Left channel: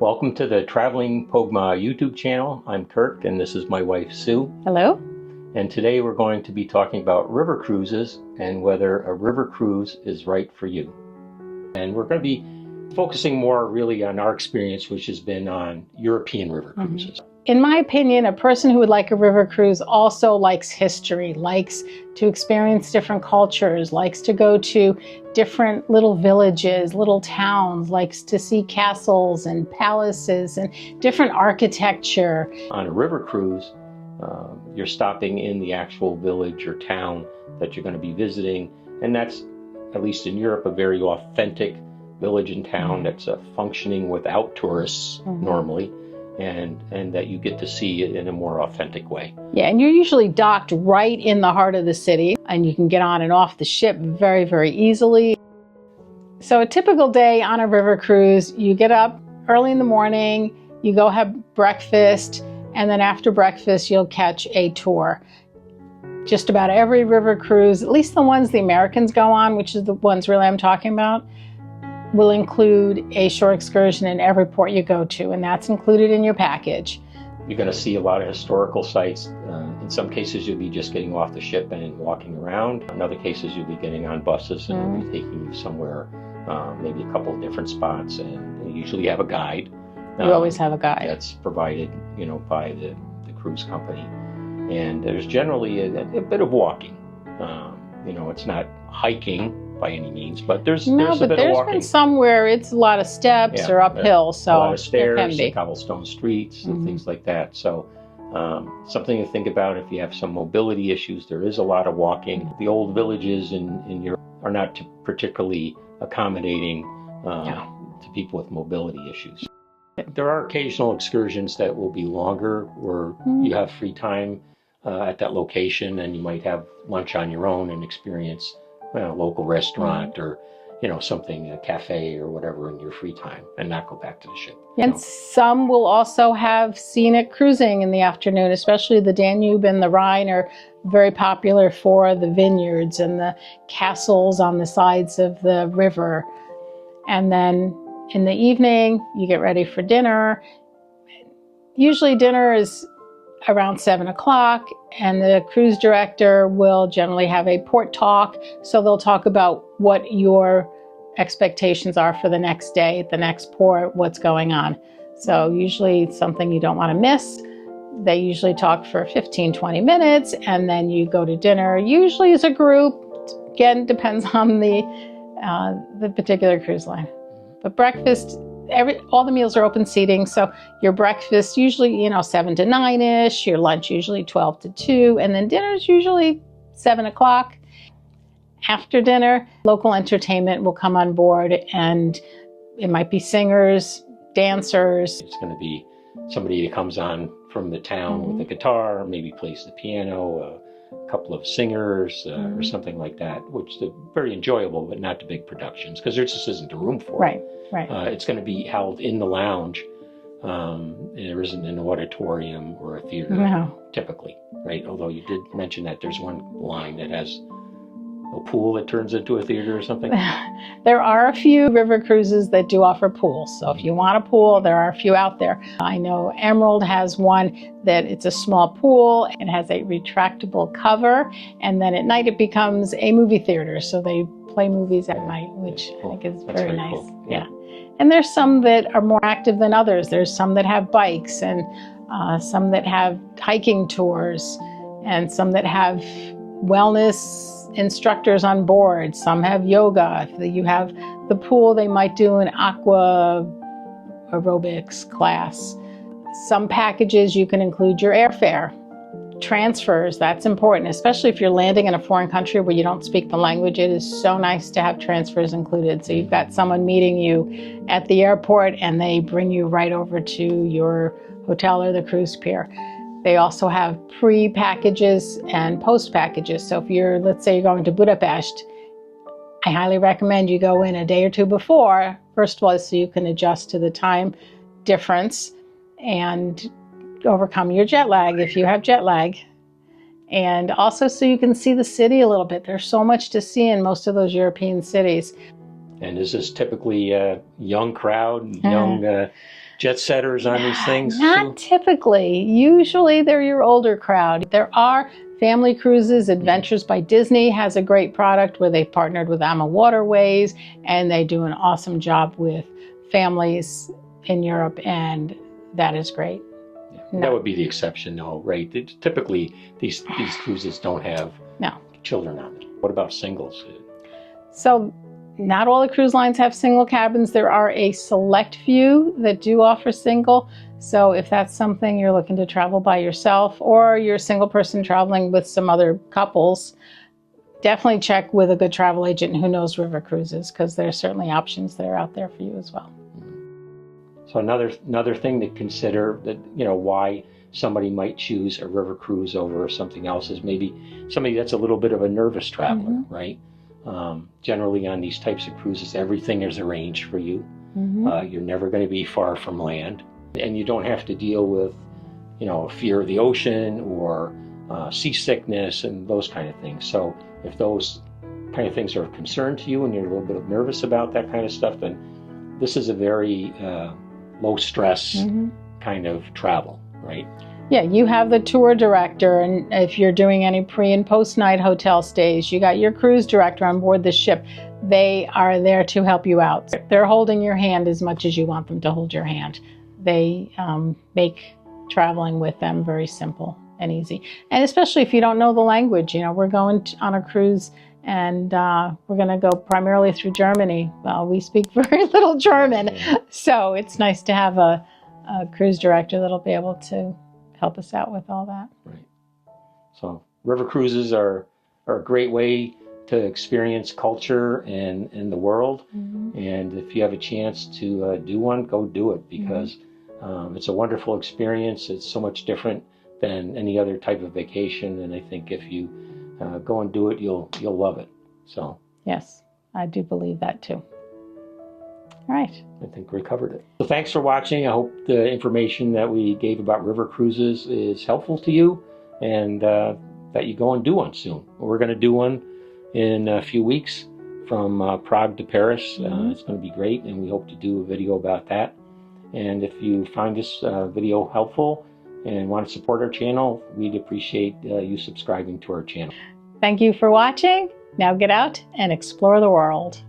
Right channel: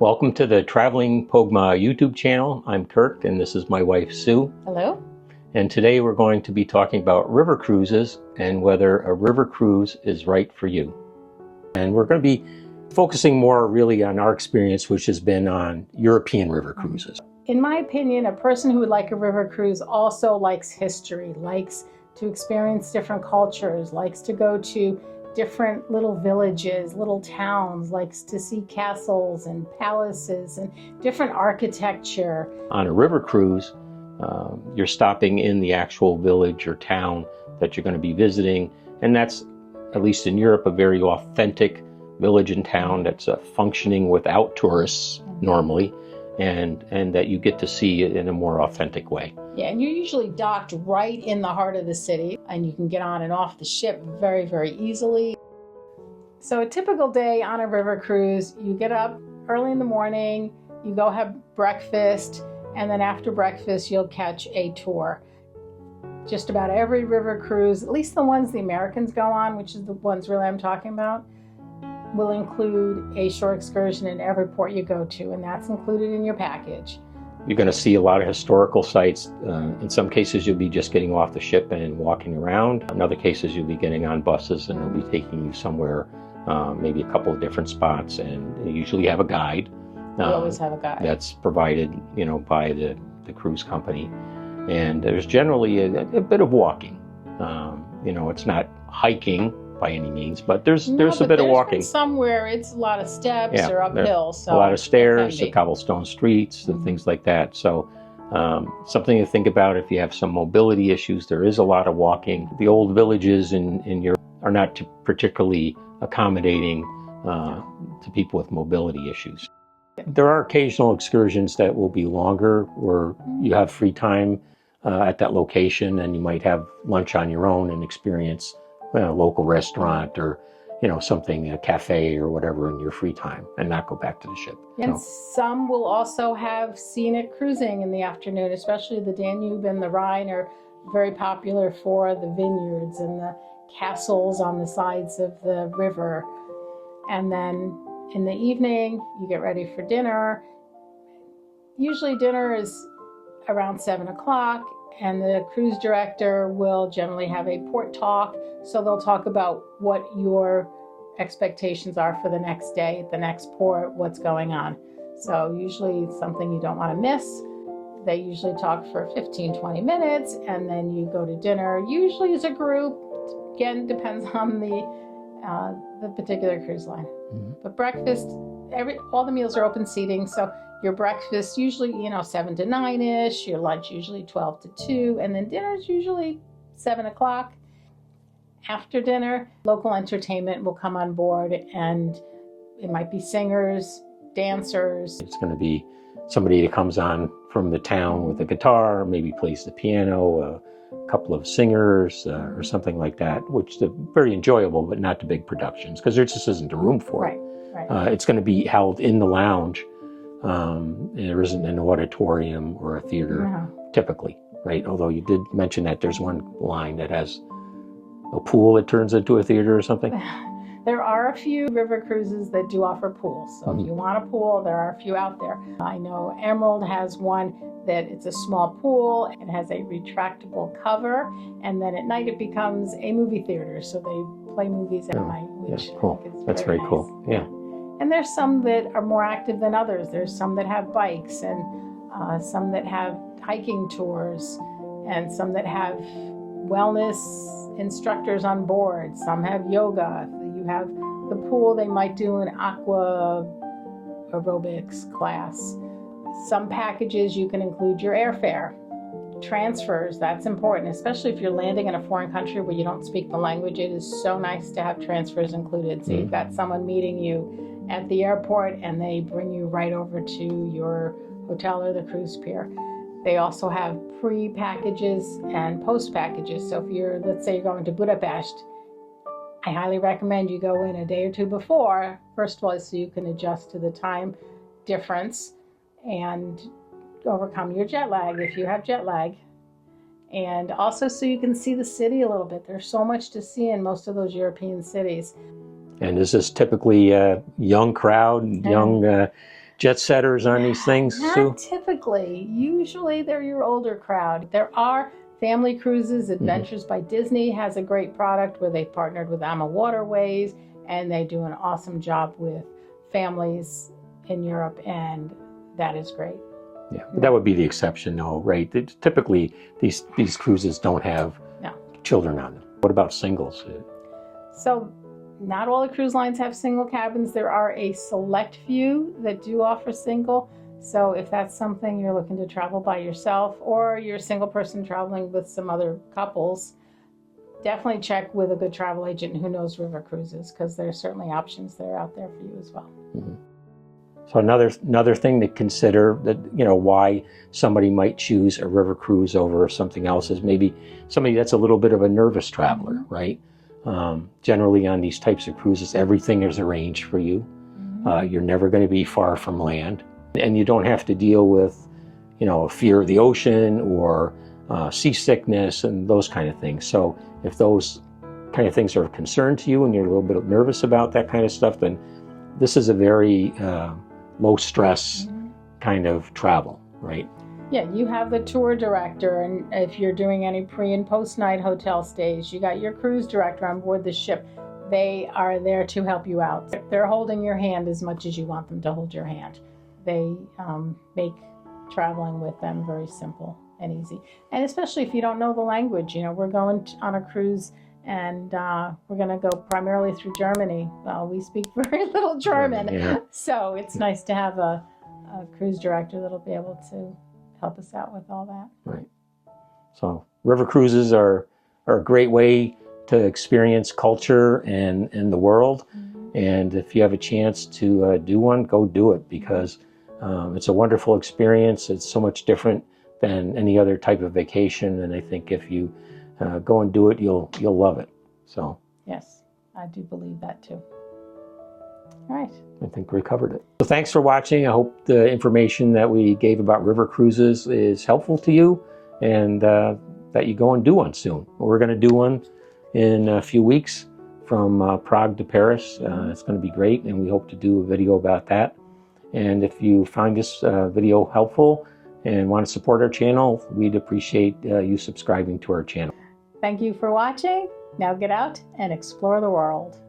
Welcome to the Traveling Pogma YouTube channel. I'm Kirk and this is my wife Sue. Hello. And today we're going to be talking about river cruises and whether a river cruise is right for you. And we're going to be focusing more really on our experience, which has been on European river cruises. In my opinion, a person who would like a river cruise also likes history, likes to experience different cultures, likes to go to different little villages, little towns, likes to see castles and palaces and different architecture. On a river cruise, you're stopping in the actual village or town that you're going to be visiting. And that's, at least in Europe, a very authentic village and town that's functioning without tourists normally. And that you get to see it in a more authentic way. Yeah, and you're usually docked right in the heart of the city, and you can get on and off the ship very, very easily. So a typical day on a river cruise, you get up early in the morning, you go have breakfast, and then after breakfast, you'll catch a tour. Just about every river cruise, at least the ones the Americans go on, which is the ones really I'm talking about, will include a shore excursion in every port you go to, and that's included in your package. You're going to see a lot of historical sites. In some cases, you'll be just getting off the ship and walking around. In other cases, you'll be getting on buses and we'll be taking you somewhere, maybe a couple of different spots, and you usually have a guide. You always have a guide. That's provided, by the cruise company. And there's generally a bit of walking. It's not hiking by any means, but there's a bit of walking. There's been some where it's a lot of steps or uphill, so a lot of stairs, and cobblestone streets, and things like that. So something to think about if you have some mobility issues. There is a lot of walking. The old villages in Europe are not particularly accommodating to people with mobility issues. There are occasional excursions that will be longer, where you have free time at that location, and you might have lunch on your own and experience a local restaurant or something, a cafe or whatever, in your free time, and not go back to the ship. And some will also have scenic cruising in the afternoon, especially the Danube and the Rhine are very popular for the vineyards and the castles on the sides of the river. And then in the evening, you get ready for dinner. Usually dinner is around 7 o'clock, and the cruise director will generally have a port talk. So they'll talk about what your expectations are for the next day at the next port, what's going on. So usually it's something you don't want to miss. They usually talk for 15-20 minutes, and then you go to dinner, usually as a group. Again, depends on the particular cruise line. But breakfast, all the meals are open seating, so your breakfast usually 7 to 9-ish, your lunch usually 12 to 2, and then dinner is usually 7 o'clock. After dinner, local entertainment will come on board, and it might be singers, dancers. It's going to be somebody that comes on from the town with a guitar, maybe plays the piano, a couple of singers or something like that, which is very enjoyable, but not the big productions, because there just isn't the room for it. Right. It's going to be held in the lounge. There isn't an auditorium or a theater typically, right? Although you did mention that there's one line that has a pool that turns into a theater or something. There are a few river cruises that do offer pools. So if you want a pool, there are a few out there. I know Emerald has one that it's a small pool. It has a retractable cover, and then at night it becomes a movie theater. So they play movies at night, which cool. I think is That's very nice. cool. Yeah. And there's some that are more active than others. There's some that have bikes, and some that have hiking tours, and some that have wellness instructors on board. Some have yoga. If you have the pool, they might do an aqua aerobics class. Some packages you can include your airfare. Transfers, that's important, especially if you're landing in a foreign country where you don't speak the language. It is so nice to have transfers included. So you've got someone meeting you at the airport, and they bring you right over to your hotel or the cruise pier. They also have pre-packages and post-packages. So if you're, let's say you're going to Budapest, I highly recommend you go in a day or two before, first of all, so you can adjust to the time difference and overcome your jet lag if you have jet lag. And also so you can see the city a little bit. There's so much to see in most of those European cities. And is this typically a young crowd, young jet setters on these things, Not Sue? typically. Usually they're your older crowd. There are family cruises. Adventures by Disney has a great product where they've partnered with Ama Waterways, and they do an awesome job with families in Europe, and that is great. Yeah, that would be the exception, though, right? Typically, these cruises don't have children on them. What about singles? So not all the cruise lines have single cabins. There are a select few that do offer single. So if that's something you're looking to travel by yourself, or you're a single person traveling with some other couples, definitely check with a good travel agent who knows river cruises, because there's certainly options that are out there for you as well. So another thing to consider, that why somebody might choose a river cruise over something else, is maybe somebody that's a little bit of a nervous traveler, right? Generally on these types of cruises, everything is arranged for you. You're never going to be far from land, and you don't have to deal with fear of the ocean or seasickness and those kind of things. So if those kind of things are of concern to you and you're a little bit nervous about that kind of stuff, then this is a very low stress kind of travel, right? Yeah, you have the tour director, and if you're doing any pre and post night hotel stays, you got your cruise director on board the ship. They are there to help you out. They're holding your hand as much as you want them to hold your hand. They make traveling with them very simple and easy. And especially if you don't know the language, we're going on a cruise, and we're going to go primarily through Germany. Well, we speak very little German, so it's nice to have a cruise director that'll be able to help us out with all that. Right. So river cruises are a great way to experience culture and the world. And if you have a chance to do one, go do it, because it's a wonderful experience. It's so much different than any other type of vacation, and I think if you go and do it, you'll love it. So yes, I do believe that too. All right. I think we covered it. So thanks for watching. I hope the information that we gave about river cruises is helpful to you, and that you go and do one soon. We're going to do one in a few weeks from Prague to Paris. It's going to be great, and we hope to do a video about that. And if you find this video helpful and want to support our channel, we'd appreciate you subscribing to our channel. Thank you for watching. Now get out and explore the world.